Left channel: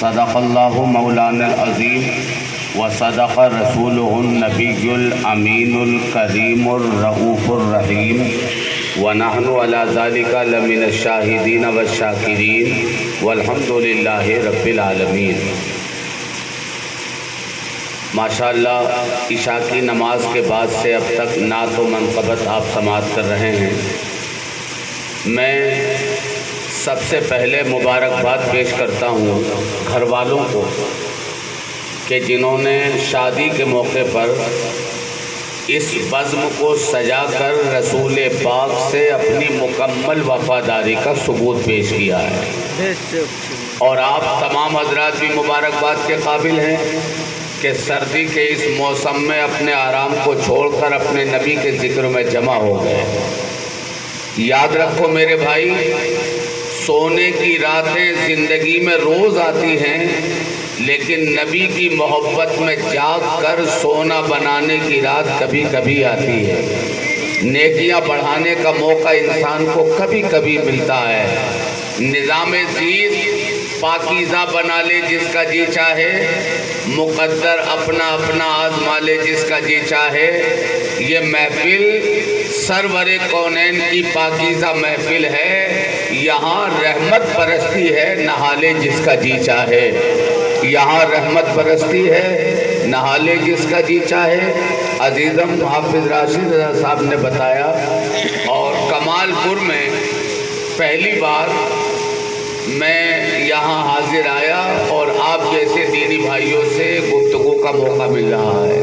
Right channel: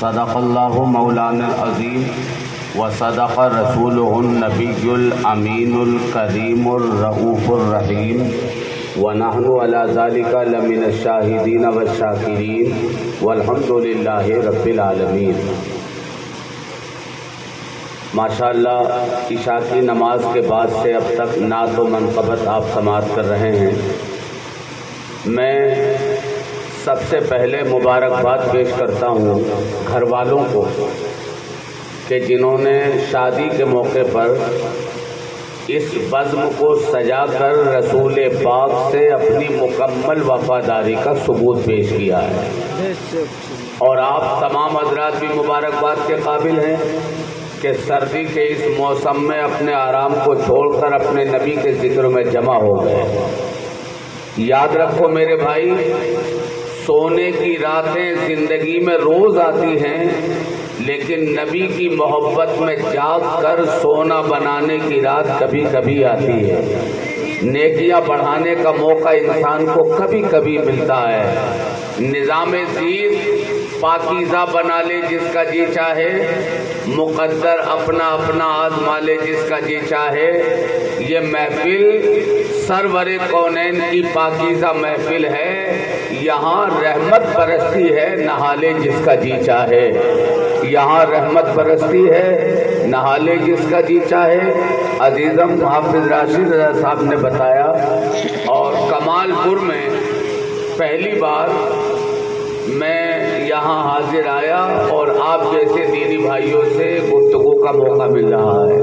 صدق اللہ مولانا العظیم وصدق رسولہ النبی الامین الکریم الرؤوف الرحیم ونحن علی ذلک لمن الشاہدین والشاکرین والحمد للہ رب العالمین۔ ماشاءاللہ عشاء کی نماز کے بعد سے اب تک نعت و منقبت آپ سماعت کر رہے ہیں۔ میں سب سے پہلے مبارکباد پیش کرتا ہوں گھر والوں کو کہ جنہوں نے شادی کے موقع پر اس بزم کو سجا کر رسول پاک سے اپنی مکمل وفاداری کا ثبوت پیش کیا ہے، اور آپ تمام حضرات بھی مبارکباد کے قابل ہیں کہ سردی کے اس موسم میں اپنے آرام کو چھوڑ کر اپنے نبی کے ذکر میں جمع ہو گئے۔ یاد رکھو میرے بھائی، سونے کی راتیں زندگی میں روز آتی ہیں، لیکن نبی کی محبت میں جاگ کر سونا بنانے کی رات کبھی کبھی آتی ہے۔ نیکیاں بڑھانے کا موقع انسان کو کبھی کبھی ملتا ہے۔ نظام زیست پاکیزہ بنا لے جس کا جی چاہے، مقدر اپنا اپنا آزما لے جس کا جی چاہے۔ یہ محفل سرور کونین کی پاکیزہ محفل ہے، یہاں رحمت برستی ہے، نہا لے جس کا جی چاہے۔ یہاں رحمت برستی ہے، نہا لے جس کا جی چاہے۔ عزیزم حافظ راشد رضا صاحب نے بتایا، اور کمال پور میں پہلی بار میں یہاں حاضر آیا اور آپ جیسے دینی بھائیوں سے گفتگو کا موقع مل رہا ہے۔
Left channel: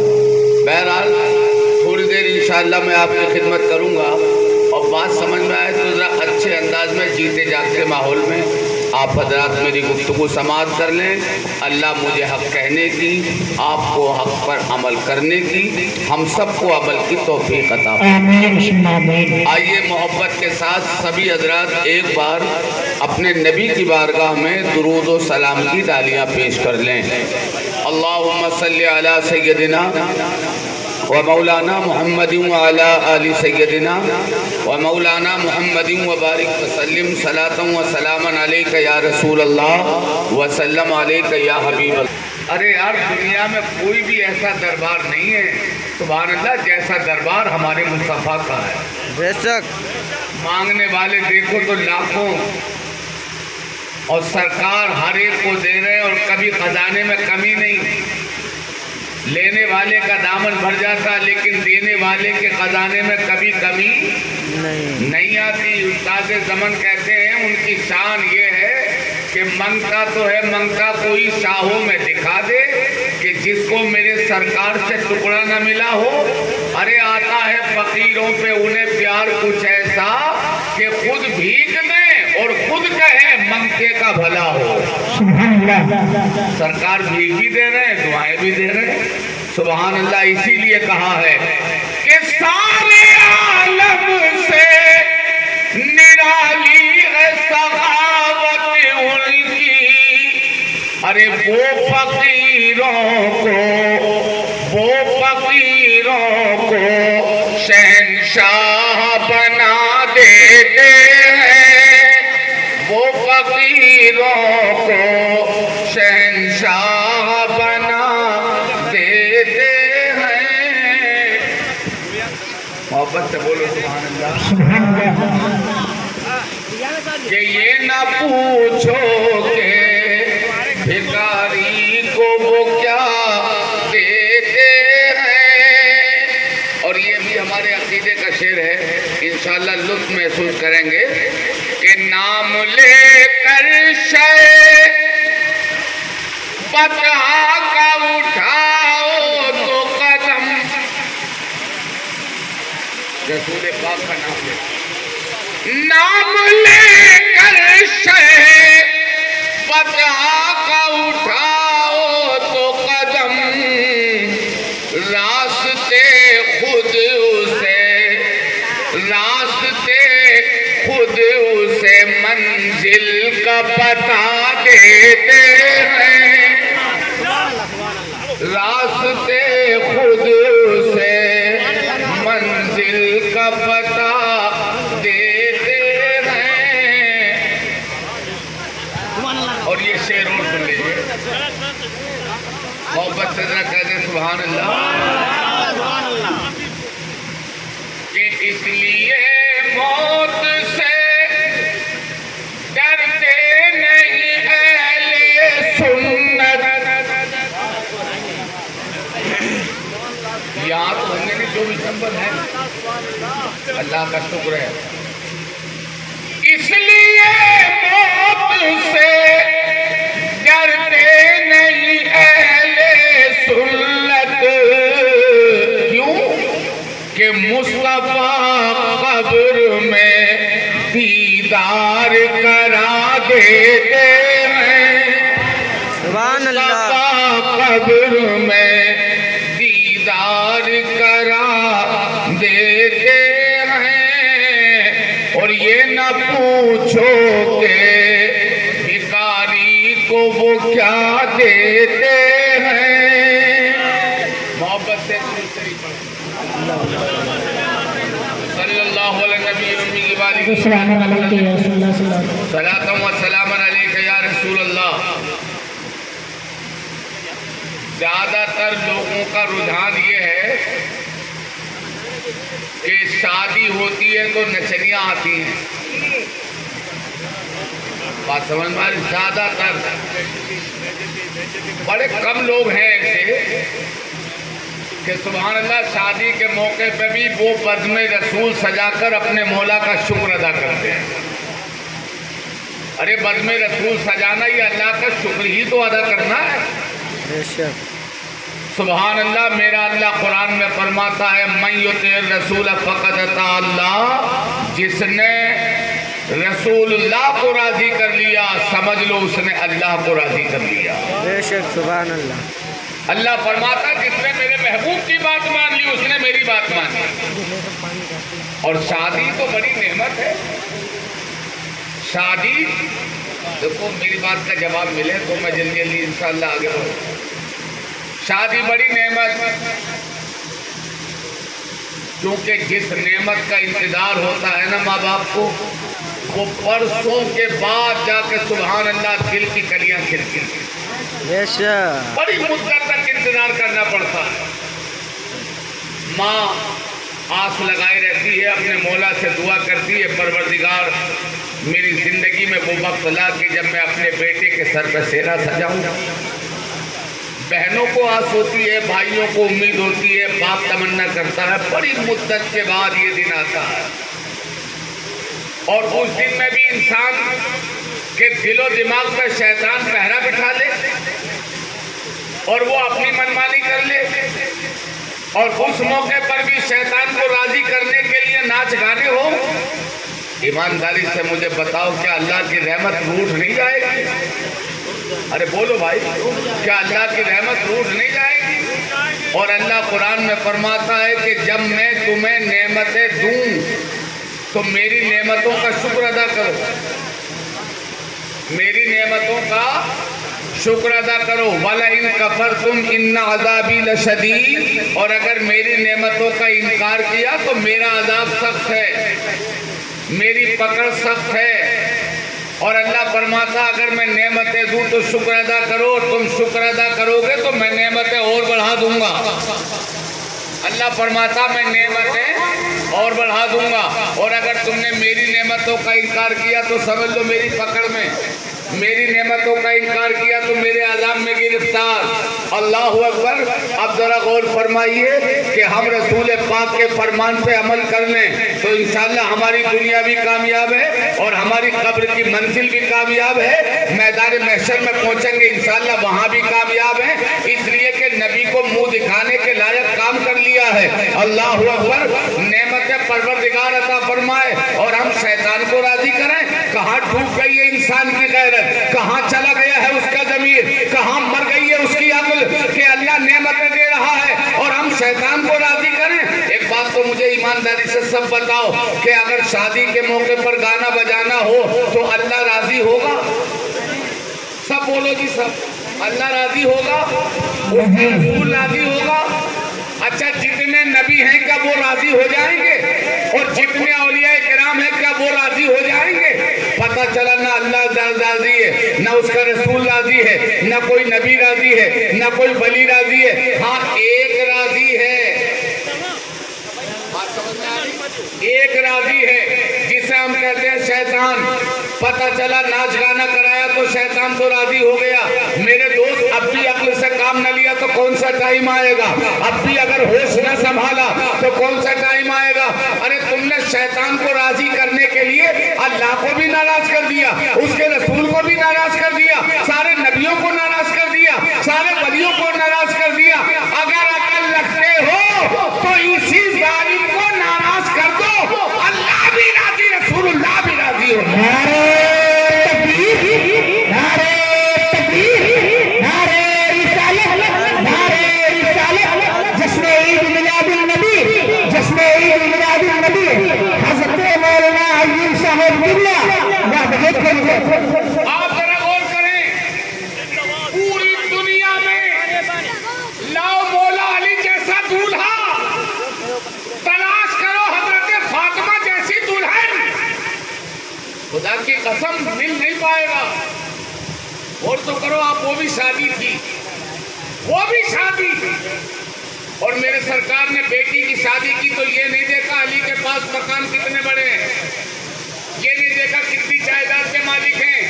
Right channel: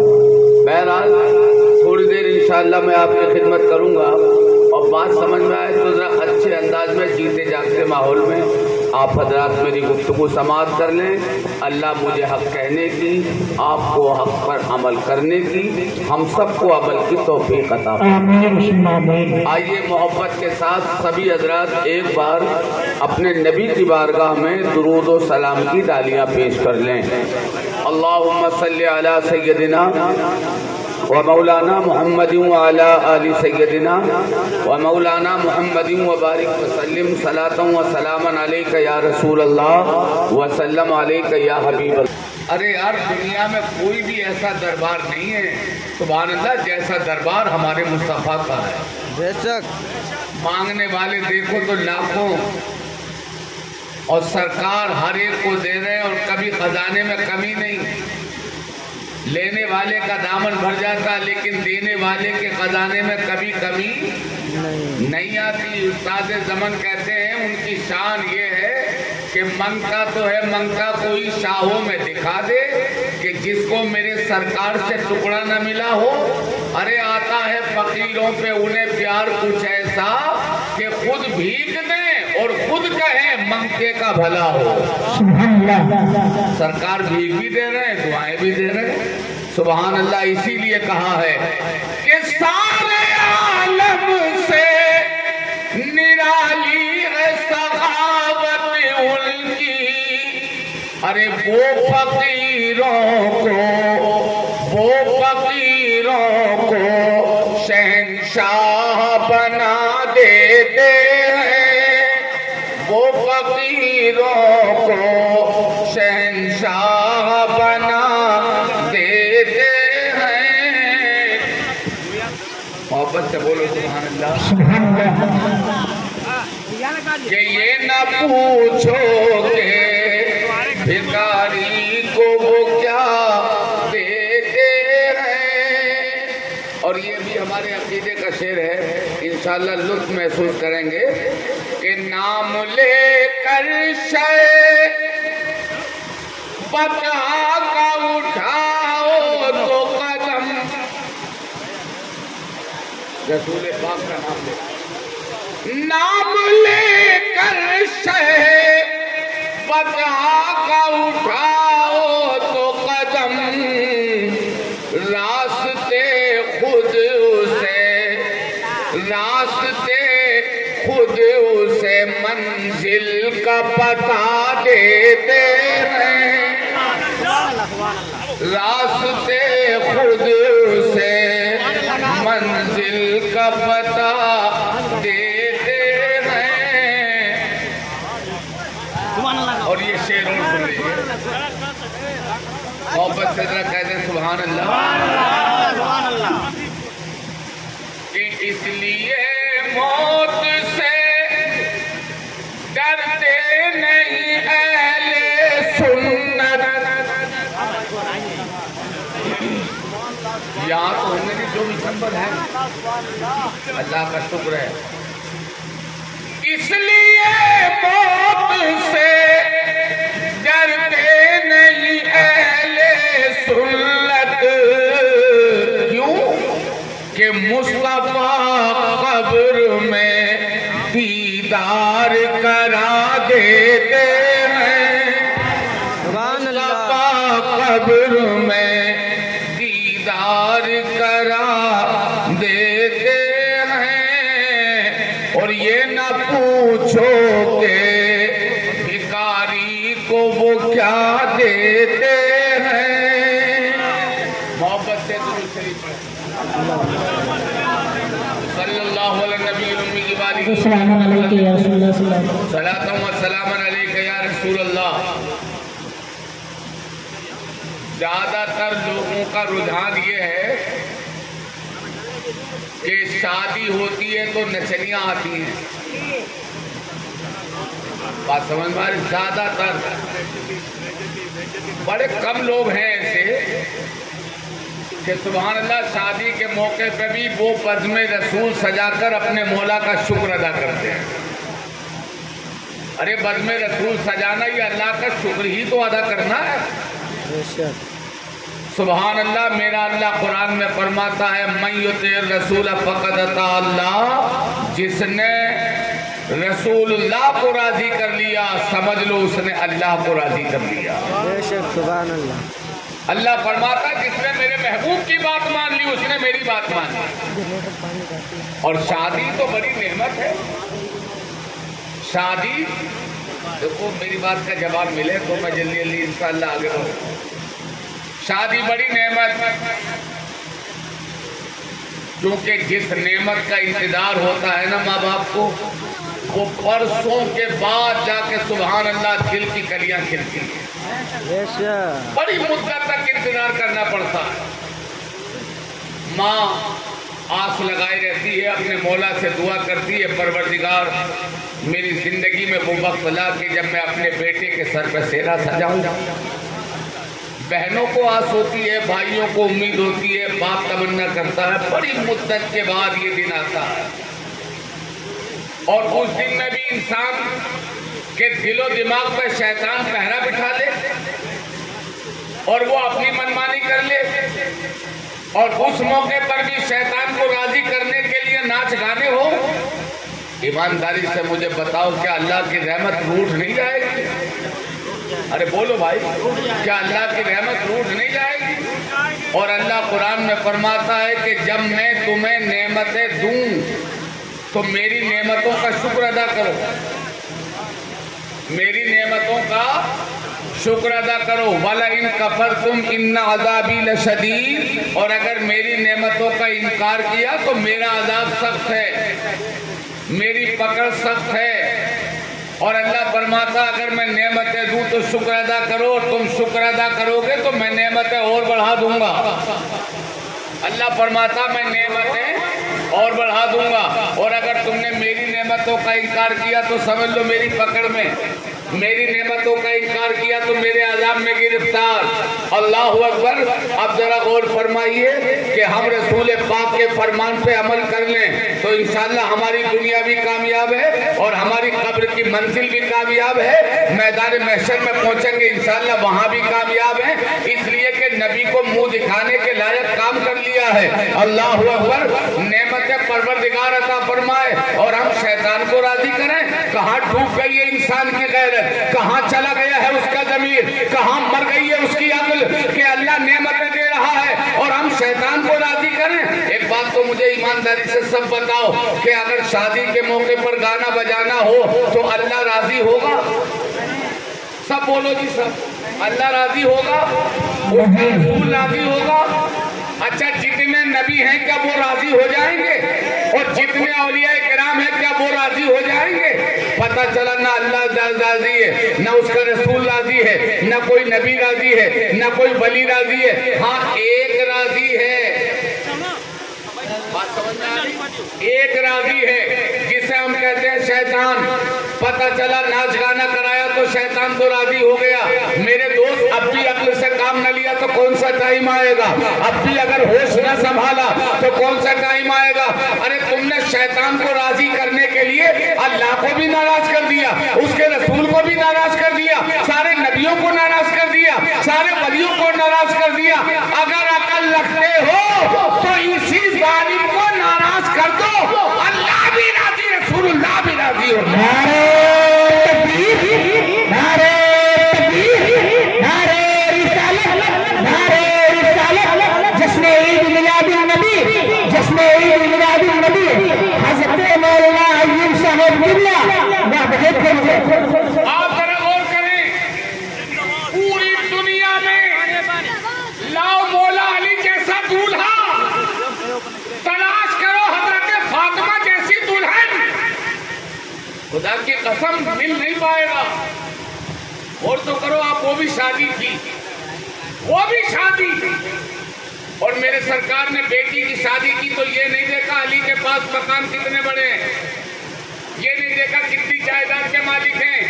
بہرحال تھوڑی دیر انشاءاللہ میں آپ کی خدمت کروں گا، اور بات سمجھ میں آئے تو ذرا اچھے انداز میں جیتے جاگتے ماحول میں آپ حضرات میری گفتگو سماعت کر لیں۔ اللہ مجھے حق کہنے کی، آپ کو حق پر عمل کرنے کی، ہم سب کو عمل کی توفیق عطا فرمائے۔ آئیے محبت کے ساتھ سبھی حضرات ایک بار اپنے نبی کی بارگاہ میں درود و سلام کی ڈالیاں پیش کر لیں۔ اللہم صلی علی سیدنا ومولانا محمد وعلی آل سیدنا ومولانا محمد وبارک وسلم صلاۃ و سلاما علیک یا رسول اللہ وسلم علیک یا حبیب اللہ۔ ارے یار، دنیا میں کوئی بھی ایسا دربار نہیں ہے سبحان اللہ جیسا دربار ہمارے مصطفیٰ کا ہے۔ بے شک مانگنے والے دیکھو تو لاکھوں، اور سرکار ہر ایک کو دے رہے ہیں، اور کبھی خزانے میں کمی نہیں۔ لینے والے کا دامن بھر جاتا، لیکن دینے والے کے خزانے میں کبھی کمی نہیں آتی۔ استاد زمن کہتے ہیں ان کی شان یہ ہے کہ منگتا تو ہے، منگتا کوئی شاہوں میں دکھا دے کہ جس کو میرے سرکار سے ٹکڑا نہ ملا ہو۔ ارے آتا ہے فقیروں پہ انہیں پیار کچھ ایسا کہ خود بھیک دیں اور خود کہیں منگتے کا بھلا ہو۔ سرکار بھیک بھی دے رہے ہیں، دعائیں بھی دے رہے ہیں، سبحان اللہ۔ اسی لیے کہا ہے کہ سارے عالم سے نرالی ہے سخاوت ان کی۔ ارے وہ فقیروں کو شہنشاہ بنا دیتے ہیں، وہ فقیروں کو شہنشاہ بنا دیتے ہیں۔ محبت سے بولو سبحان اللہ۔ کہ یہ نہ پوچھو کہ بھکاری کو وہ کیا دیتے ہیں۔ اور یہ بھی ہمارے عقیدے کا شعر ہے، انشاءاللہ لطف محسوس کریں گے کہ نام لے کر شے بتا کا اٹھاؤ تو قدم، رسول پاک کا نام لے، نام لے کر شے بتا کا اٹھاؤ تو قدم، راستے خود اسے منزل کا پتہ دیتے ہیں، راستے خود اسے منزل کا پتہ دیتے ہیں۔ اور یہ یہ شعر اور سن لیجیے، محبت سے ذرا کہہ دیں سبحان اللہ، سبحان اللہ۔ کہ اس لیے موت سے ڈرتے نہیں اہل سنت۔ یہاں تو ہم نے نہیں جو بھی نمبر ہے، اللہ کا شکر ہے۔ اس لیے موت سے ڈرتے نہیں اہل سنت، کیوں کہ مصطفیٰ قبر میں دیدار کرا دیتے ہیں، سبحان اللہ۔ مصطفیٰ قبر میں دیدار کرا دیتے ہیں، اور یہ نہ پوچھو کہ بھکاری کو وہ کیا دیتے ہیں۔ محبت سے درود شریف پڑھیں، صلی اللہ علیہ نبی امی کی باری السلام علیکم یا رسول اللہ صلی اللہ علیہ وسلم۔ صلاۃ و سلام علیک یا رسول اللہ۔ زیادہ تر لوگوں کا رجحان یہ ہے کہ شادی ہوتی ہے تو نچنیاں آتی ہیں، بات سمجھ میں آ رہی؟ زیادہ تر، بڑے کم لوگ ہیں ایسے کہ سبحان اللہ شادی کے موقع پہ بھی وہ بزم رسول سجا کر اپنے مولا کا شکر ادا کرتے ہیں۔ ارے بزم رسول سجانا یہ اللہ کا شکر ہی تو ادا کرنا ہے۔ بے شک۔ سبحان اللہ، میرا اللہ قرآن میں فرماتا ہے من یطع الرسول فقد اطاع اللہ، جس نے رسول اللہ کو راضی کر لیا سمجھ لو اس نے اللہ کو راضی کر لیا۔ بے شک سبحان اللہ۔ اللہ فرماتا ہے جس نے میرے محبوب کی بات مان لی اس نے میری بات مان لی۔ اور شادی تو بڑی نعمت ہے۔ شادی دیکھو، میری بات کا جواب ملے تو میں جلدی جلدی انشاءاللہ آگے بڑھوں۔ شادی بڑی نعمت، کیونکہ جس نعمت کا انتظار ہوتا ہے نا ماں باپ کو، وہ برسوں کے بعد جا کے سبحان اللہ دل کی کلیاں کھلتی ہیں۔ بے شک۔ بڑی مدت تک انتظار کرنا پڑتا ہے۔ ماں آس لگائی رہتی ہے، اپنے مولا سے دعا کرتی ہے پروردگار میری زندگی میں وہ وقت لا کہ جب میں اپنے بیٹے کے سر پہ سیرا سجاؤں۔ بہنوں کو آس ہوتی ہے، بھائیوں کو امید ہوتی ہے، باپ تمنا کرتا ہے، بڑی مدت کے بعد یہ دن آتا ہے۔ اور اس دن میں بھی انسان کے دل و دماغ پہ شیطان پہرا بٹھا لے اور وہ اپنی منمانی کر لے، اور اس موقع پر بھی شیطان کو راضی کرنے کے لیے ناچ گانے ہو۔ ایمانداری سے مجھے بتاؤ، کیا اللہ کی رحمت روٹھ نہیں جائے گی؟ ارے بولو بھائی، کیا اللہ کی رحمت روٹھ نہیں جائے گی؟ اور اللہ قرآن میں فرماتا ہے کہ جب میں تمہیں نعمتیں دوں تو میری نعمتوں کا شکر ادا کرو، میری نعمتوں کا شکر ادا کرو۔ وَلَئِن كَفَرْتُمْ إِنَّ عَذَابِي لَشَدِيدٌ، اور اگر میری نعمتوں کا انکار کیا تو میرا عذاب سخت ہے، میری پکڑ سخت ہے۔ اور اللہ فرماتا اگر میں نعمتیں دوں تو شکر ادا کرو، اور تم شکر ادا کرو گے تو میں نعمتیں اور بڑھا دوں گا۔ اللہ فرماتا میں نعمتیں اور بڑھا دوں گا، اور اگر تم نے میری نعمتوں کا انکار کیا تو سمجھ لو میری پکڑ میں، میری نعمتوں کا انکار کیا تو میرے عذاب میں گرفتار۔ اللہ اکبر۔ اب ذرا غور فرمائیے کہ ہم رسول پاک کے فرمان پہ عمل کر لیں تو انشاءاللہ ہماری دنیا بھی کامیاب ہے اور ہماری قبر کی منزل بھی کامیاب ہے، میدان محشر میں پہنچیں گے انشاءاللہ وہاں بھی کامیاب ہے، اس لیے کہ نبی کو منہ دکھانے کے لائق کام کر لیا ہے۔ اللہ اکبر۔ نعمتیں پروردگار عطا فرمائے اور ہم شیطان کو راضی کریں۔ کہاں ڈوب گئی ہے انسان کی غیرت، کہاں چلا گیا ہے اس کا ضمیر، کہاں مر گئی ہے اس کی عقل کہ اللہ نعمتیں دے رہا ہے اور ہم شیطان کو راضی کریں۔ ایک بات تو مجھے ایمانداری سے سب بتاؤ کہ اگر شادی کے موقع پر گانا بجانا ہو تو اللہ راضی ہوگا؟ سب بولو جی، سب اللہ راضی ہوگا؟ رسول راضی ہوگا؟ اچھا جتنے نبی ہیں کیا وہ راضی ہو جائیں گے؟ اور جتنے اولیاء کرام ہیں کیا وہ راضی ہو جائیں گے؟ پتہ چلا نہ اللہ راضی ہے، نہ اس کا رسول راضی ہے، نہ کوئی نبی راضی ہے، نہ کوئی ولی راضی ہے، ہاں ایک راضی ہے۔ بات سمجھ میں آ رہی؟ ایک راضی ہے جسے ہم کہتے ہیں شیطان۔ پتہ چلا ناچ گانا کرایا تو شیطان تو راضی ہو گیا۔ میرے دوست اب بھی عقل سے کام نہ لیا تو کون سا ٹائم آئے گا؟ اب بھی اگر ہوش نہ سنبھالا تو کون سا ٹائم آئے گا؟ ارے تم نے شیطان کو راضی کرنے کے لیے اللہ کو بھی ناراض کر دیا، اس کے رسول کو بھی ناراض کر دیا، سارے نبیوں کو ناراض کر دیا، سارے ولیوں کو ناراض کر دیا۔ اگر عقل رکھتے ہو تو اسی ظالم کو ناراض کر دو، اللہ بھی راضی، رسول اللہ بھی راضی ہو۔ نعرہ تکبیر، نعرہ تکبیر، نعرہ رسالت، نعرہ رسالت، جشن عید میلاد النبی، جشن عید میلاد النبی، حضرت مولانا عظیم صاحب قبلہ وحدت کرو۔ آپ ذرا غور کریں، پوری دنیا میں لاؤ مولا علی جیسا دولہا، تلاش کرو حضرت فاطمہ جیسی دلہن، خدا کی قسم مل نہیں پائے گا۔ اور تو کرو آپ، وہ بھی شادی تھی، وہ بھی شادی تھی، اور میرے سرکار نے بیٹی کی شادی کی تو یہ نہیں دیکھا علی کے پاس مکان کتنے بڑے ہیں، یہ نہیں دیکھا کتنی جائیداد کے مالک ہیں۔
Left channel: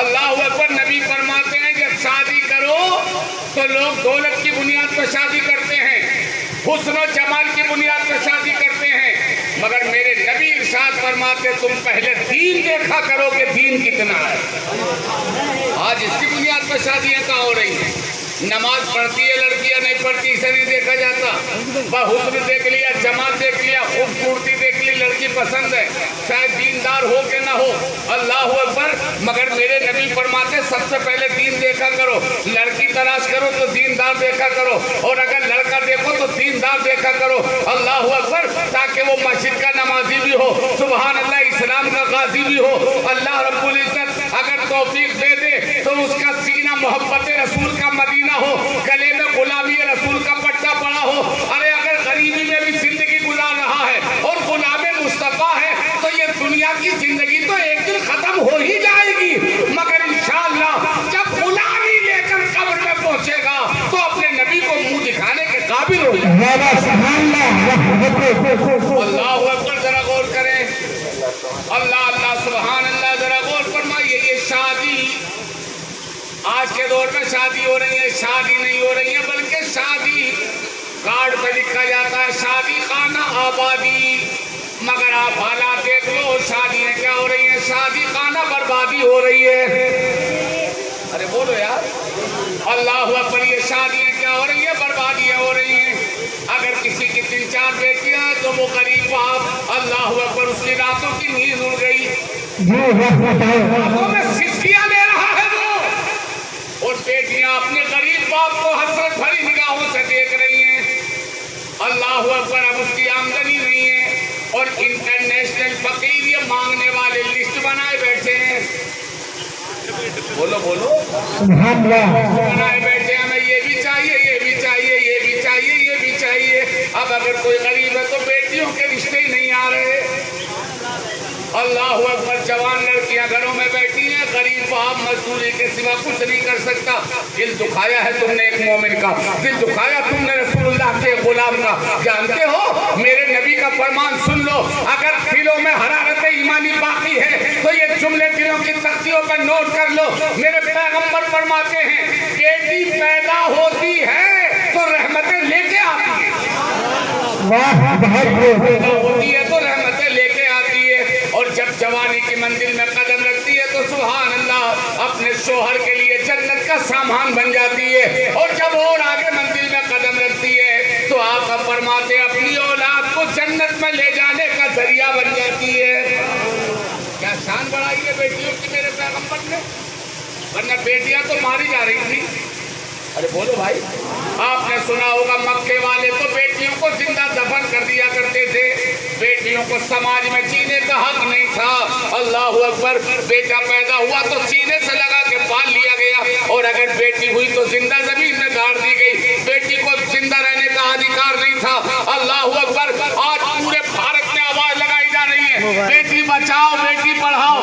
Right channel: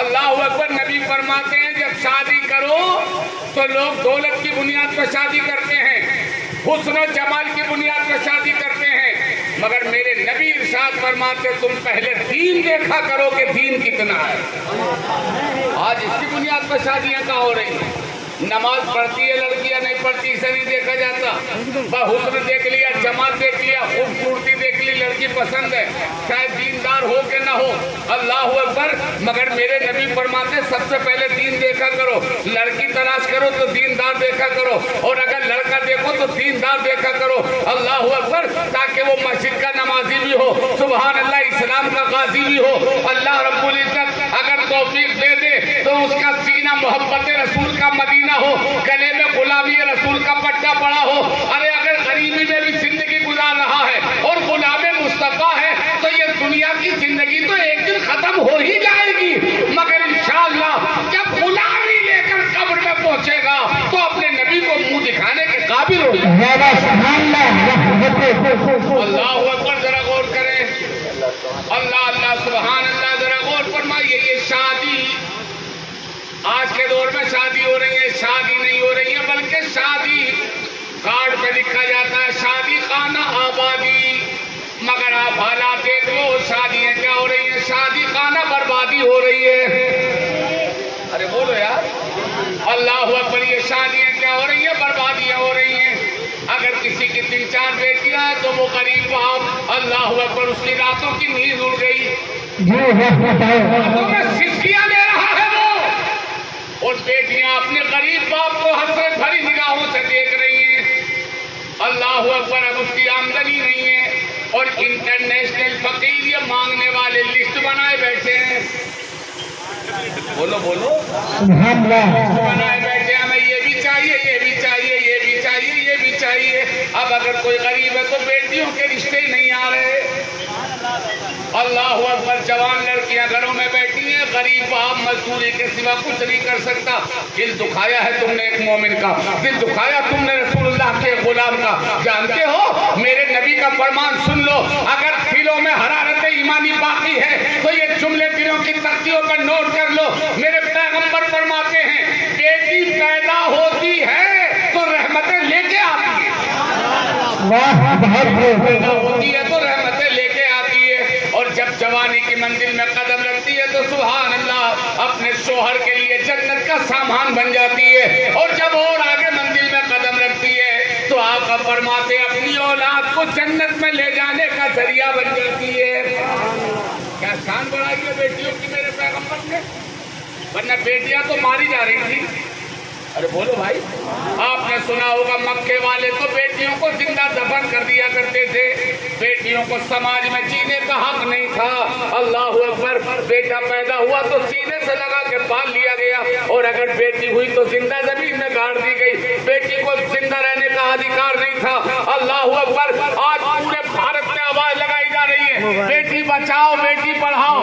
اللہ اکبر، نبی فرماتے ہیں جب شادی کرو تو لوگ دولت کی بنیاد پر شادی کرتے ہیں، حسن و جمال کی بنیاد پر شادی کرتے ہیں، مگر میرے نبی ارشاد فرماتے تم پہلے دین دیکھا کرو کہ دین کتنا ہے۔ آج اس کی بنیاد پر شادیاں کہاں ہو رہی ہیں؟ نماز پڑھتی ہے لڑکیاں، نہیں پڑھتی اسے نہیں دیکھا جاتا، حسن دیکھ لیا، جمال دیکھ لیا، خوبصورتی دیکھ لی، لڑکی پسند ہے، چاہے دیندار ہو کہ نہ ہو۔ اللہ اکبر، مگر میرے نبی فرماتے سب سے پہلے دین دیکھا کرو، لڑکی تلاش کرو تو دیندار دیکھا کرو، اور اگر لڑکا دیکھو تو دیندار دیکھا کرو۔ اللہ اکبر، تاکہ وہ مسجد کا نمازی بھی ہو، سبحان اللہ، اسلام کا قاضی بھی ہو۔ اللہ رب العزت اگر توفیق دے دے تو اس کا سینہ محبت رسول کا مدینہ ہو، گلے میں غلامی رسول کا پٹا پڑا ہو۔ ارے اگر غریبی میں بھی زندگی گزار رہا ہے اور غلام مصطفیٰ ہے تو یہ دنیا کی زندگی تو ایک دن ختم ہو ہی جائے گی، مگر انشاءاللہ جب غلامی لے کر قبر میں پہنچے گا تو اپنے نبی کو منہ دکھانے کے قابل ہو جائے گا۔ اللہ اکبر، ذرا غور کریں، اللہ اللہ سبحان اللہ، ذرا غور فرمائیے۔ یہ شادی آج کے دور میں شادی ہو رہی ہے، شادی نہیں ہو رہی ہے بلکہ شادی کارڈ پہ لکھا جاتا ہے شادی خانہ آبادی، مگر آپ حالات دیکھ لو، شادیاں کیا ہو رہی ہیں؟ شادی خانہ بربادی ہو رہی ہے۔ ارے بولو یار، اللہ اکبر، یہ شادیاں کیا ہو رہی ہیں؟ بربادیاں ہو رہی ہیں۔ اگر کسی کی 3-4 بیٹیاں ہیں تو وہ غریب باپ، اللہ اکبر، اس کی راتوں کی نیند اڑ گئی، راتوں میں سسکیاں لے رہا ہے وہ، اور بیٹیاں اپنے غریب باپ کو حسرت بھری نگاہوں سے دیکھ رہی ہیں۔ اللہ اکبر، اب اس کی آمدنی نہیں ہے اور انٹرنیشنل فقیر یہ مانگنے والے لسٹ بنائے بیٹھے ہیں، بولو بولو، لسٹ بنائے بیٹھے ہیں، ہمیں یہ بھی چاہیے، یہ بھی چاہیے، یہ بھی چاہیے، یہ بھی چاہیے۔ اب اگر کوئی غریب ہے تو بیٹیوں کے رشتے ہی نہیں آ رہے۔ اللہ اکبر، جوان لڑکیاں گھروں میں بیٹھی ہیں، غریب باپ مزدوری کے سوا کچھ نہیں کر سکتا۔ دل دکھایا ہے تم نے ایک مومن کا، دل دکھایا تم نے رسول اللہ کے غلام کا۔ جانتے ہو میرے نبی کا فرمان سن لو، اگر دلوں میں حرارت ایمانی باقی ہے تو یہ جملے دلوں کی تختیوں پر نوٹ کر لو۔ میرے پیغمبر فرماتے ہیں بیٹی پیدا ہوتی ہے تو رحمتیں لے کے آتی ہیں، پیدا ہوتی ہے تو رحمتیں لے کے آتی ہے، اور جب جوانی کی منزل میں قدم رکھتی ہے تو سبحان اللہ اپنے شوہر کے لیے جنت کا سامان بن جاتی ہے، اور جب اور آگے منزل میں قدم رکھتی ہے تو آقا فرماتے ہیں اپنی اولاد کو جنت میں لے جانے کا ذریعہ بن جاتی ہے۔ کیا شان بڑھائی ہے بیٹیوں کی میرے پیغمبر نے، ورنہ بیٹیاں تو ماری جا رہی تھی۔ ارے بولو بھائی، آپ نے سنا ہوگا مکے والے تو بیٹیوں کو زندہ دفن کر دیا کرتے تھے، بیٹیوں کو سماج میں جینے کا حق نہیں تھا۔ اللہ اکبر، بیٹا پیدا ہوا تو سینے سے لگا کے پال لیا گیا، اور اگر بیٹی ہوئی تو زندہ زمین میں گاڑ دی گئی، بیٹی کو زندہ رہنے کا ادھیکار نہیں تھا۔ اللہ اکبر، آج پورے بھارت میں آواز لگائی جا رہی ہے بیٹی بچاؤ، بیٹی پڑھاؤ،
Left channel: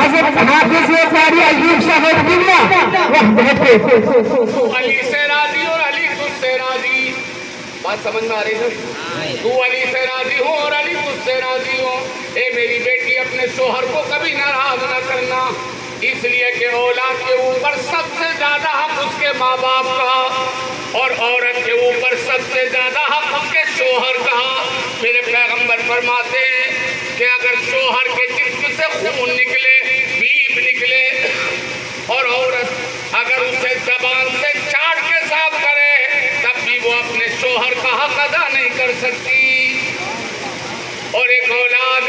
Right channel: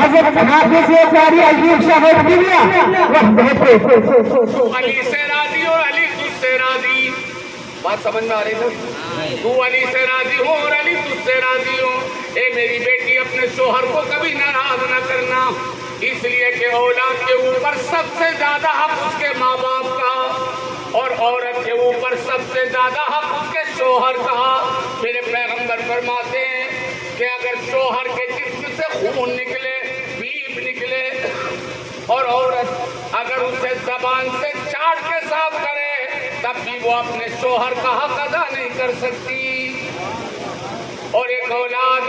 حضرت حافظ قاری ایوب صاحب قبلہ علی سے راضی اور علی تجھ سے راضی. بات سمجھ میں آ رہی ہے؟ تو علی سے راضی ہو اور علی تجھ سے راضی ہو. اے میری بیٹی اپنے شوہر کو کبھی ناراض نہ کرنا، اس لیے کہ اولاد کے اوپر سب سے زیادہ حق اس کے ماں باپ کا، اور عورت کے اوپر سب سے زیادہ حق اس کے شوہر کا. میرے پیغمبر فرماتے ہیں کہ اگر شوہر کے جسم سے خون نکلے، پیپ نکلے، اور عورت اگر اسے زبان سے چاٹ کے صاف کرے، تب بھی وہ اپنے شوہر کا حق ادا نہیں کر سکتی. اور ایک اولاد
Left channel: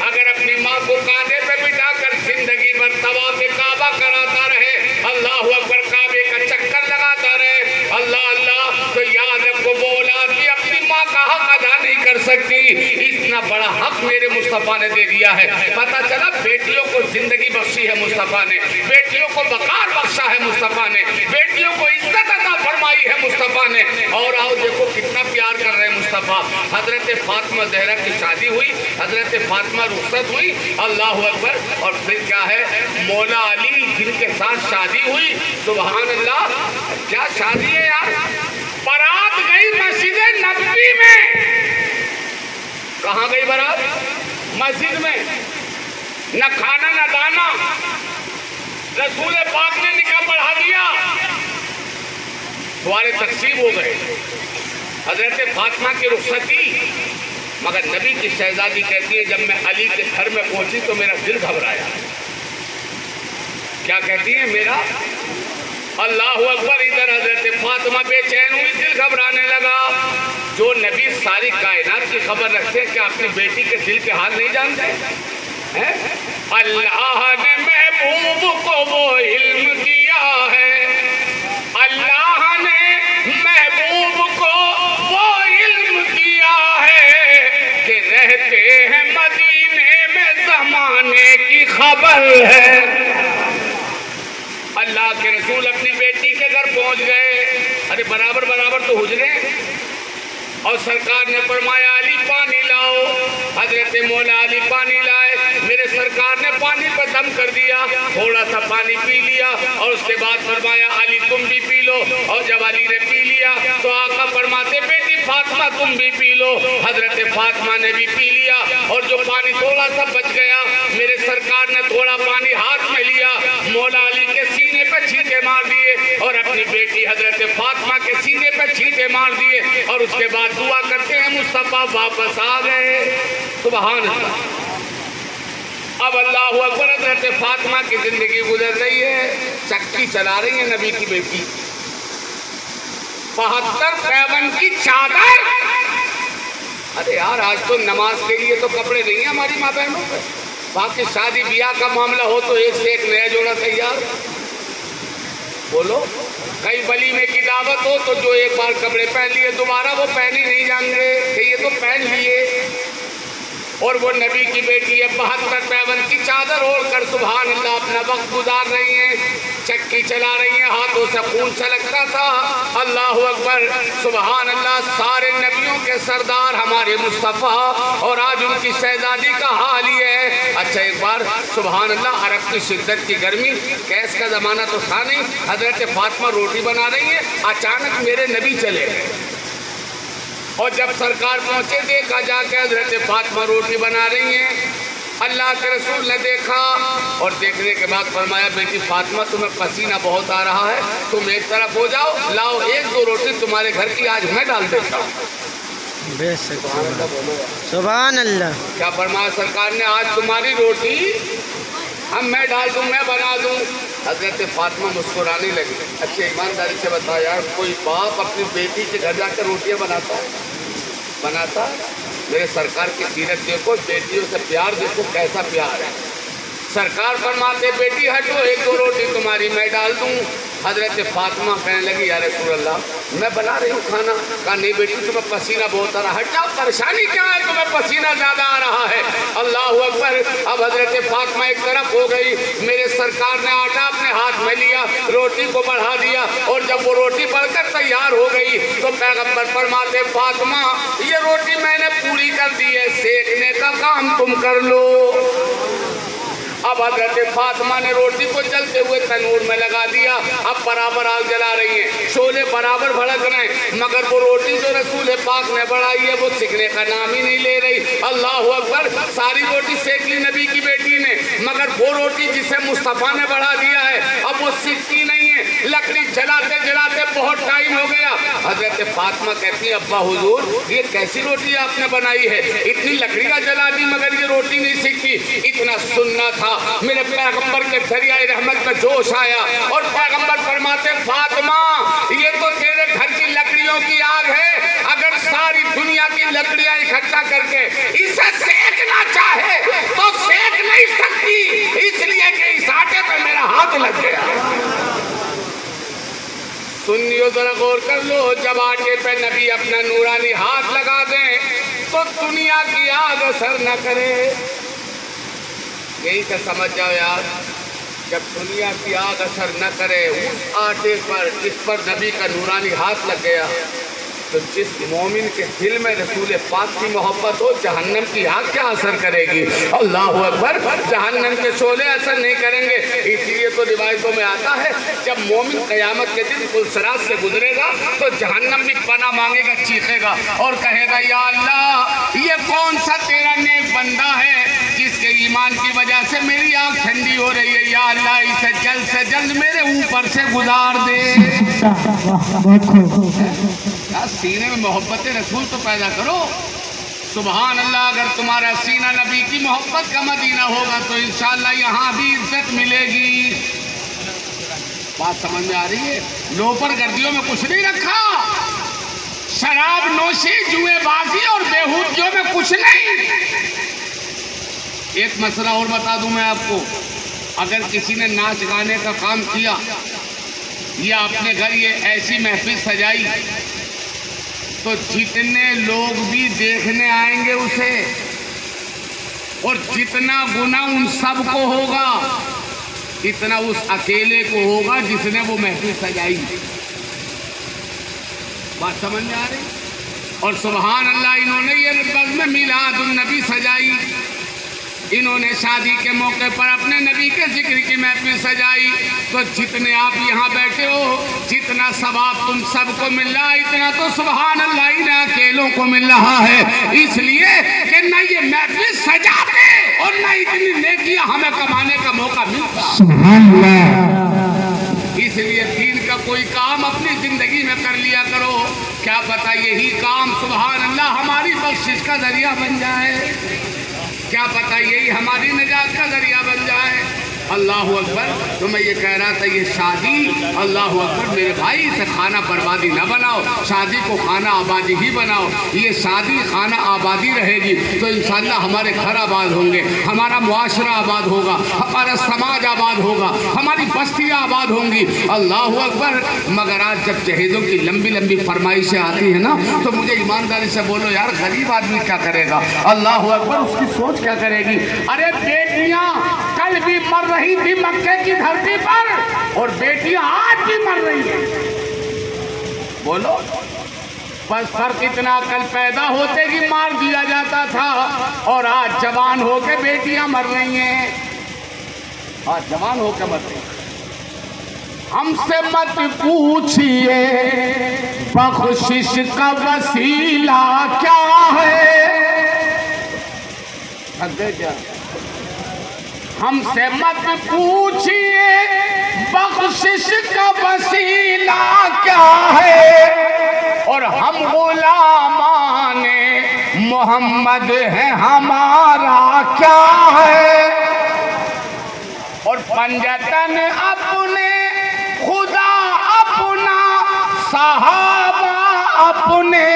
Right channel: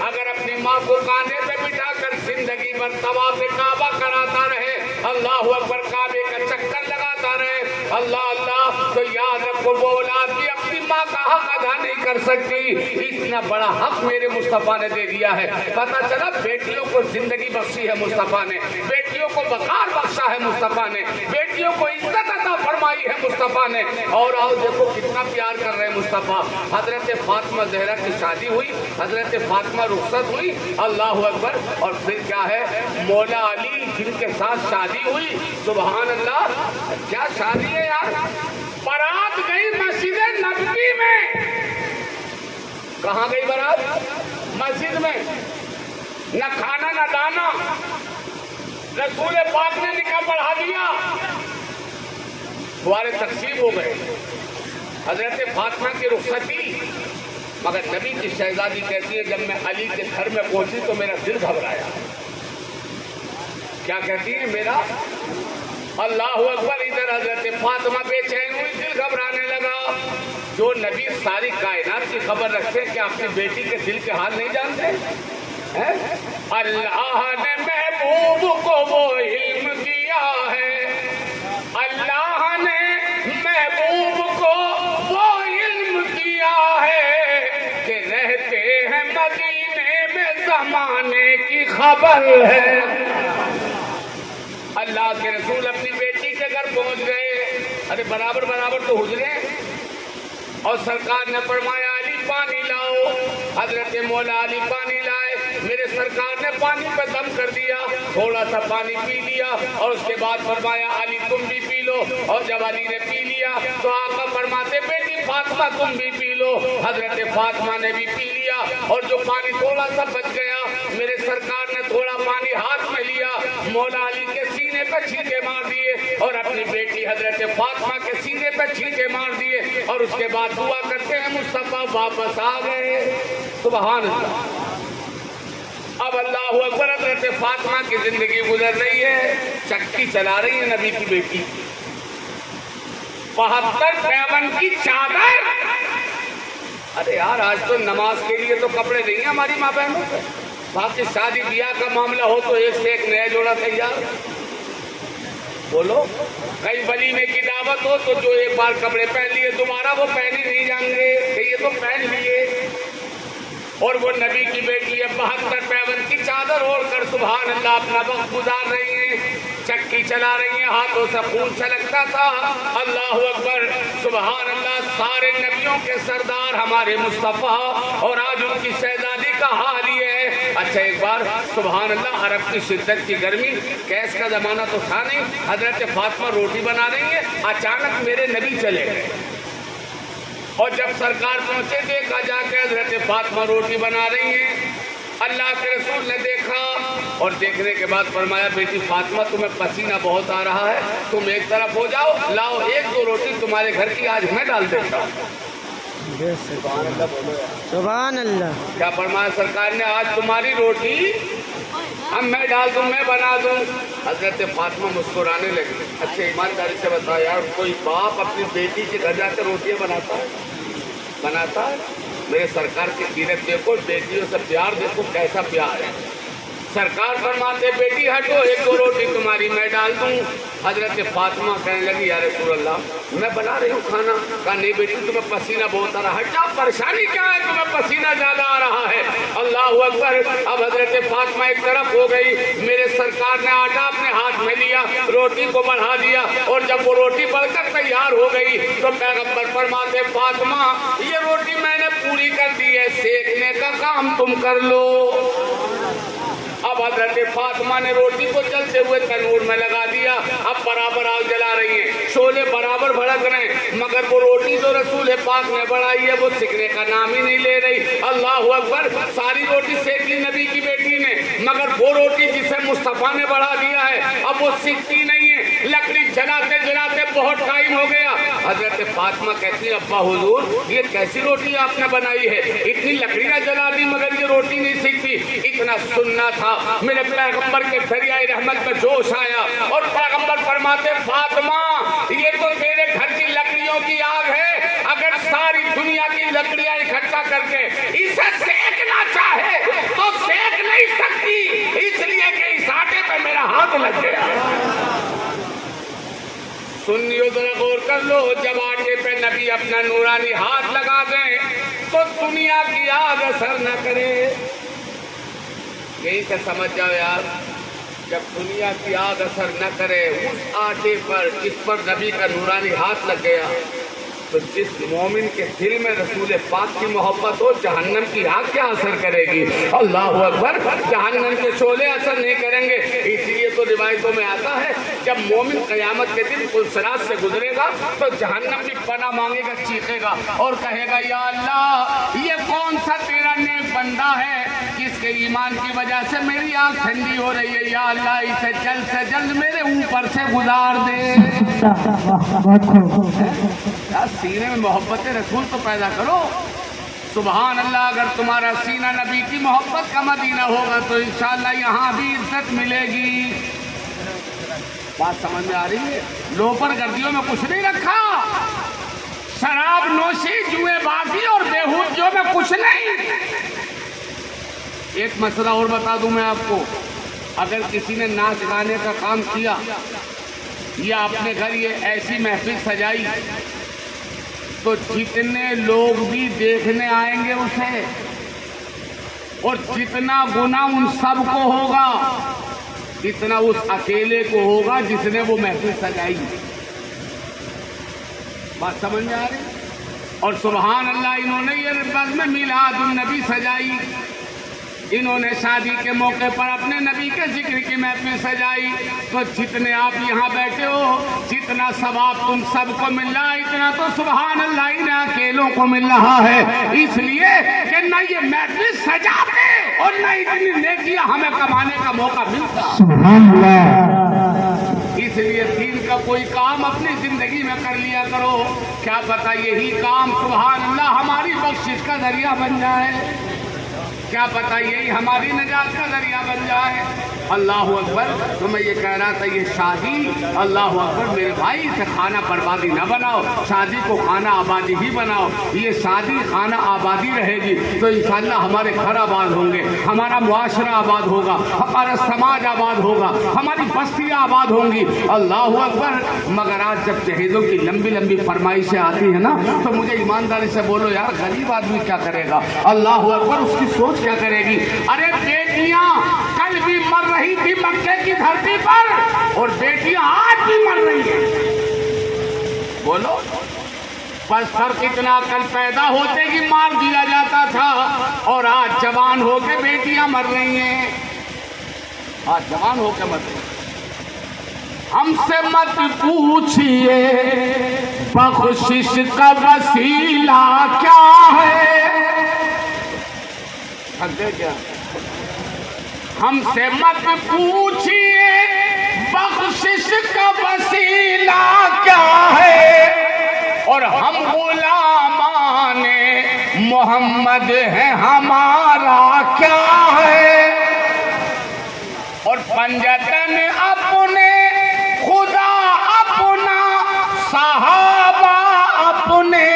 اگر اپنی ماں کو کاندھے پہ بٹھا کر زندگی بھر طواف کعبہ کراتا رہے، اللہ اکبر، کعبے کا چکر لگاتا رہے، اللہ اللہ، تو یاد رکھو وہ اولاد بھی اپنی ماں کا حق ادا نہیں کر سکتی. اتنا بڑا حق میرے مصطفیٰ نے دے دیا ہے. پتہ چلا بیٹیوں کو زندگی بخشی ہے مصطفیٰ نے، بیٹیوں کو وقار بخشا ہے مصطفیٰ نے، بیٹیوں کو عزت عطا فرمائی ہے مصطفیٰ نے. اور آؤ دیکھو کتنا پیار کر رہے ہیں مصطفیٰ. حضرت فاطمہ زہرا کی شادی ہوئی، حضرت فاطمہ رخصت ہوئی، اللہ اکبر. اور پھر کیا ہے، مولا علی جن کے ساتھ شادی ہوئی، سبحان اللہ، کیا شادی ہے یار. بارات گئی مسجد نبوی میں. کہاں گئی بارات؟ مسجد میں. نہ کھانا نہ دانا، رسول پاک نے نکاح پڑھا دیا، دوارے تقسیم ہو گئے. حضرت فاطمہ کی رخصتی، مگر نبی کی شہزادی کہتی ہے جب میں علی کے گھر میں پہنچی تو میرا دل گھبرایا. کیا کہتی ہے؟ میرا اللہ اکبر، ادھر حضرت فاطمہ بے چین ہوئی، دل گھبرانے لگا. جو نبی ساری کائنات کی خبر رکھتے ہیں، کیا اپنی بیٹی کے دل کے حال نہیں جانتے؟ اللہ نے محبوب کو وہ علم دیا ہے، اللہ نے محبوب کو وہ علم دیا ہے کہ رہتے ہیں مدینے میں زمانے کی خبر ہے. اللہ کے رسول اپنی بیٹی کے گھر پہنچ گئے. ارے برابر برابر تو حجرے، اور سرکار نے فرمایا علی پانی لاؤ. حضرت مولا علی پانی لائے. میرے سرکار نے پانی پہ دم کر دیا، تھوڑا سا پانی پی لیا، اور اس کے بعد فرمایا علی تم بھی پی لو. اور جب علی نے پی لیا تو آقا فرماتے بیٹی فاطمہ تم بھی پی لو. حضرت فاطمہ نے بھی پی لیا، اور جو پانی تھوڑا سا بچ گیا، میرے سرکار نے تھوڑا پانی ہاتھ میں لیا، مولا علی کے سینے پہ چھینٹے مار دیے، اور اپنی بیٹی حضرت فاطمہ کے سینے پہ چھینٹے مار دیے، اور اس کے بعد دعا کرتے ہیں مصطفیٰ واپس آ گئے. سبحان اللہ. اب اللہ اکبر، حضرت فاطمہ کی زندگی گزر رہی ہے، چکی چلا رہی ہے نبی کی بیٹی. 72 پیون کی چادر. ارے یار آج تو نماز کے لیے تو کپڑے نہیں ہیں ہماری ماں بہنوں پہ، باقی شادی بیاہ کا معاملہ ہو تو ایک سے ایک نیا جوڑا تیار. بولو، کئی ولیمے کی دعوت ہو تو جو ایک بار کپڑے پہن لیے دوبارہ وہ پہن ہی نہیں جائیں گے کہ یہ تو پہن لیے. اور وہ نبی کی بیٹی ہے 72 پیون کی چادر اوڑھ کر سبحان اللہ اپنا وقت گزار رہی ہیں، چکی چلا رہی ہیں، ہاتھوں سے خون چھلکتا تھا. اللہ اکبر، سبحان اللہ. سارے نبیوں کے سردار ہمارے مصطفیٰ، اور آج ان کی شہزادی کا حال یہ ہے. اچھا ایک بار سبحان اللہ، عرب کی شدت کی گرمی، گیس کا زمانہ تو تھا نہیں، حضرت فاطمہ روٹی بنا رہی ہیں، اچانک میرے نبی چلے گئے. اور جب سرکار پہنچے دیکھا جا کے حضرت فاطمہ روٹی بنا رہی ہیں. اللہ کے رسول نے دیکھا، اور دیکھنے کے بعد فرمایا بیٹی فاطمہ تمہیں پسینہ بہت آ رہا ہے، تم ایک طرف ہو جاؤ، لاؤ 1-2 روٹی تمہارے گھر کی آج میں ڈال دیتا ہوں. سبحان اللہ. کیا فرمایا سرکار نے؟ آج تمہاری روٹی اب میں ڈال دوں، میں بنا دوں. حضرت فاطمہ مسکرانے لگی. اچھا ایمانداری سے بتا یار، کوئی باپ اپنی بیٹی کے گھر جا کے روٹیاں بناتا ہے؟ میرے سرکار کی سیرت دیکھو، بیٹیوں سے پیار دیکھو کیسا پیار ہے. سرکار فرماتے بیٹی ہٹو، 1-2 روٹی تمہاری میں ڈال دوں. حضرت فاطمہ کہنے لگی یا رسول اللہ میں بنا رہی ہوں کھانا. کہا نہیں بیٹی تمہیں پسینہ بہت آ رہا ہے. ہٹ جاؤ، پریشانی کیا ہے، تمہیں پسینہ زیادہ آ رہا ہے. اللہ اکبر. اب حضرت فاطمہ ایک طرف ہو گئی، میرے سرکار نے آٹا اپنے ہاتھ میں لیا، روٹی کو بڑھا دیا، اور جب وہ روٹی بڑھ کر تیار ہو گئی تو پیغمبر فرماتے فاطمہ یہ روٹی میں نے پوری کر دی ہے، سیکنے کا کام تم کر لو. اب حضرت فاطمہ نے روٹی کو چلتے ہوئے تنور میں لگا دیا، اب برابر آگ جلا رہی ہیں، شعلے برابر بھڑک رہے ہیں، مگر وہ روٹی جو رسول پاک نے بڑھائی ہے وہ سیکھنے کا نام ہی نہیں لے رہی۔ اللہ اکبر، ساری روٹی سیک لی نبی کی بیٹی نے، مگر وہ روٹی جسے مصطفیٰ نے بڑھا دیا ہے اب وہ سیکھتی نہیں ہے۔ لکڑی جلاتے جلاتے بہت ٹائم ہو گیا، حضرت فاطمہ کہتی ہے ابا حضور یہ کیسی روٹی آپ نے بنائی ہے، اتنی لکڑیاں جلا دی مگر یہ روٹی نہیں سیکھتی۔ اتنا سننا تھا، میرے پیغمبر کے دریائے رحمت میں جوش آیا اور پیغمبر فرماتے فاطمہ یہ تو تیرے گھر کی لکڑیوں کی آگ ہے، اگر ساری دنیا کی لکڑیاں اکٹھا کر کے اسے سیکنا چاہے تو سیک نہیں سکتی، اس لیے کہ اس آٹے پہ میرا ہاتھ لگ گیا۔ سنیو ذرا غور کر لو، جب آٹے پہ نبی اپنا نورانی ہاتھ لگا دیں تو دنیا کی آگ اثر نہ کرے۔ یہی سے سمجھ جاؤ یار، جب دنیا کی آگ اثر نہ کرے اس آٹے پر جس پر نبی کا نورانی ہاتھ لگ گیا، تو جس مومن کے دل میں رسول پاک کی محبت ہو جہنم کی آگ کیا اثر کرے گی؟ اللہ اکبر، جہنم کے شعلے اثر نہیں کریں گے۔ اس لیے تو روایتوں میں آتا ہے جب مومن قیامت کے دن پلسرات سے گزرے گا تو جہنم بھی پناہ مانگے گا، چیخے گا اور کہے گا یا اللہ یہ کون سا تیرا نیک بندہ ہے جس کے ایمان کی وجہ سے میری آنکھ ٹھنڈی ہو رہی ہے، یا اللہ اسے جلد سے جلد میرے اوپر سے گزار دے۔ سینے میں محبت رسول تو پیدا کرو۔ سبحان اللہ، اگر تمہارا سینہ نبی کی محبت کا مدینہ ہوگا تو انشاءاللہ یہاں بھی عزت ملے گی۔ بات سمجھ میں آ رہی ہے؟ لوپر گردیوں میں کچھ نہیں رکھا، شراب نوشی جوئے بازی اور بیہودگیوں میں کچھ نہیں۔ ایک مسئلہ اور بتا دوں میں آپ کو، اگر کسی نے ناچ گانے کا کام کیا یا اپنے گھر یہ ایسی محفل سجائی تو جتنے لوگ بھی دیکھنے آئیں گے اسے، اور جتنا گناہ ان سب کو ہوگا اتنا اس اکیلے کو ہوگا جس نے وہ محفل سجائی۔ بات سمجھ میں آ رہی؟ اور سبحان اللہ، انہوں نے یہ بزم میلاد النبی سجائی، انہوں نے شادی کے موقع پر اپنے نبی کے ذکر کی محفل سجائی، تو جتنے آپ یہاں بیٹھے ہو جتنا ثواب تم سب کو مل رہا ہے اتنا تو سبحان اللہ انہیں اکیلوں کو مل رہا ہے، اس لیے کہ نہ یہ محفل سجاتے اور نہ اتنی نیکیاں ہمیں کمانے کا موقع ملتا۔ سبحان اللہ۔ اس لیے دین کا کوئی کام اپنی زندگی میں کر لیا کرو، کیا پتہ یہی کام سبحان اللہ ہماری بخشش کا ذریعہ بن جائے، کیا پتہ یہی ہماری نجات کا ذریعہ بن جائے۔ اللہ اکبر۔ تو میں یہ کہہ رہا تھا یہ شادی، اللہ اکبر میرے بھائی، اسے خانہ بربادی نہ بناؤ، شادی کو خانہ آبادی ہی بناؤ۔ یہ شادی خانہ آبادی رہے گی تو انشاءاللہ ہمارے گھر آباد ہوں گے، ہمارا معاشرہ آباد ہوگا، ہمارا سماج آباد ہوگا، ہماری بستیاں آباد ہوں گی۔ اللہ اکبر۔ مگر آج جب جہیزوں کی لمبی لمبی فرمائشیں آتی ہیں نا تو مجھے ایمانداری سے بولو یار غریب آدمی کیا کرے گا؟ اللہ اکبر، اس کی سوچ کیا کرے گی؟ ارے بیٹیاں کل بھی مر رہی تھی مکے کی دھرتی پر اور بیٹیاں آج بھی مر رہی ہیں، بولو بس فرق اتنا، کل پیدا ہوتے ہی مار دیا جاتا تھا اور آج جوان ہو کے بیٹیاں مر رہی ہیں، آج جوان ہو کے مر رہی ہیں۔ ہم سے مت پوچھئے بخشش کا وسیلہ کیا ہے، ہم سے مت پوچھئے بخشش کا وسیلہ کیا ہے، اور ہم غلامان محمد ہیں ہمارا کیا ہے، اور پنجتن اپنے خدا اپنا صحابہ اپنے،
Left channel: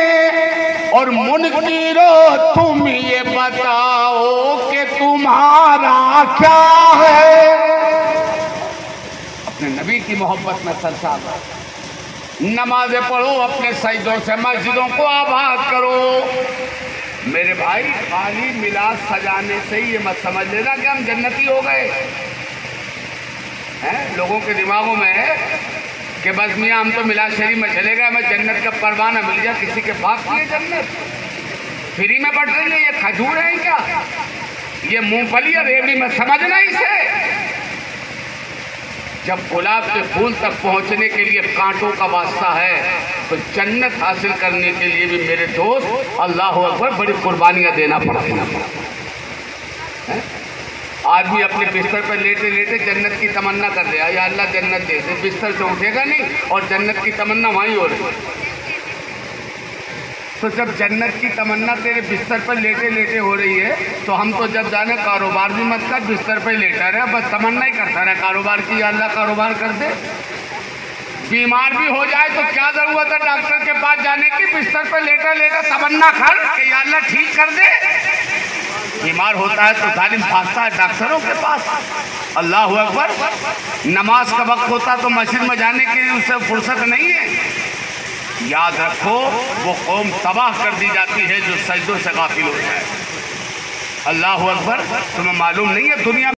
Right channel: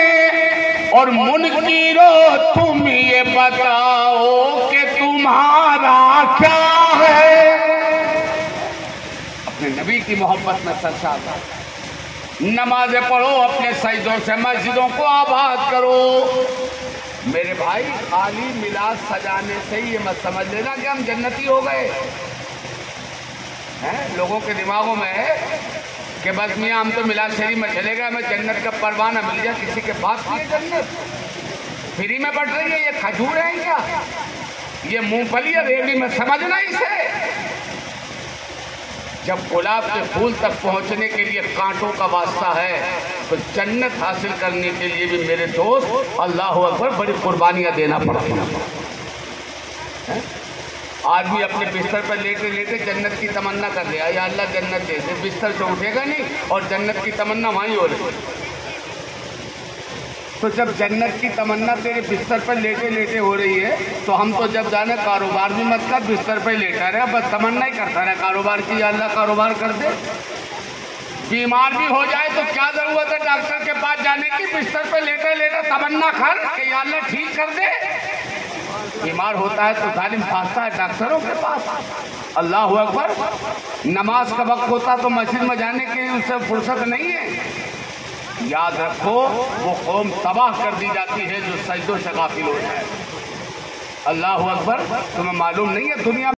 اور منکرو تم یہ بتاؤ کہ تمہارا کیا ہے۔ اپنے نبی کی محبت میں سرشار رہو، نمازیں پڑھو، اپنے سجدوں سے مسجدوں کو آباد کرو۔ میرے بھائی خالی میلاد سجانے سے ہی یہ مت سمجھ لینا کہ ہم جنتی ہو گئے ہیں۔ لوگوں کے دماغوں میں ہے کہ بس میاں ہم تو میلاد شریف میں چلے گئے، ہمیں جنت کا پروانہ مل جائے، کسی کے پاس کی ہے جنت؟ فری میں بٹ رہی ہے، یہ کھجور ہیں کیا؟ یہ مونگ پھلی ریڑھی میں سمجھنا اسے۔ جب گلاب کے پھول تک پہنچنے کے لیے کانٹوں کا واسطہ ہے تو جنت حاصل کرنے کے لیے بھی میرے دوست اللہ اکبر بڑی قربانیاں دینا پڑتی ہیں۔ آدمی اپنے بستر پر لیٹے لیٹے جنت کی تمنا کر رہا ہے، یا اللہ جنت دے دے، بستر سے اٹھے گا نہیں اور جنت کی تمنا وہیں ہو رہی ہے۔ تو جب جنت کی تمنا تیرے بستر پر لیٹے لیٹے ہو رہی ہے تو ہم تو جب جانے کاروبار بھی مت کر، بستر پر لیٹا رہے، بس تمنا ہی کرتا رہے کاروبار کی، یا اللہ کاروبار کر دے۔ بیمار بھی ہو جائے تو کیا ضرورت ہے ڈاکٹر کے پاس جانے کی، بستر پر لیٹا لیٹا تمنا کر کہ یا اللہ ٹھیک کر دے۔ بیمار ہوتا ہے تو ظالم بھاگتا ہے ڈاکٹروں کے پاس، اللہ اکبر۔ نماز کا وقت ہوتا تو مسجد میں جانے کے لیے اسے فرصت نہیں ہے۔ یاد رکھو وہ قوم تباہ کر دی جاتی ہے جو سجدوں سے غافل ہو جائے۔ اللہ اکبر۔ تمہیں معلوم نہیں ہے دنیا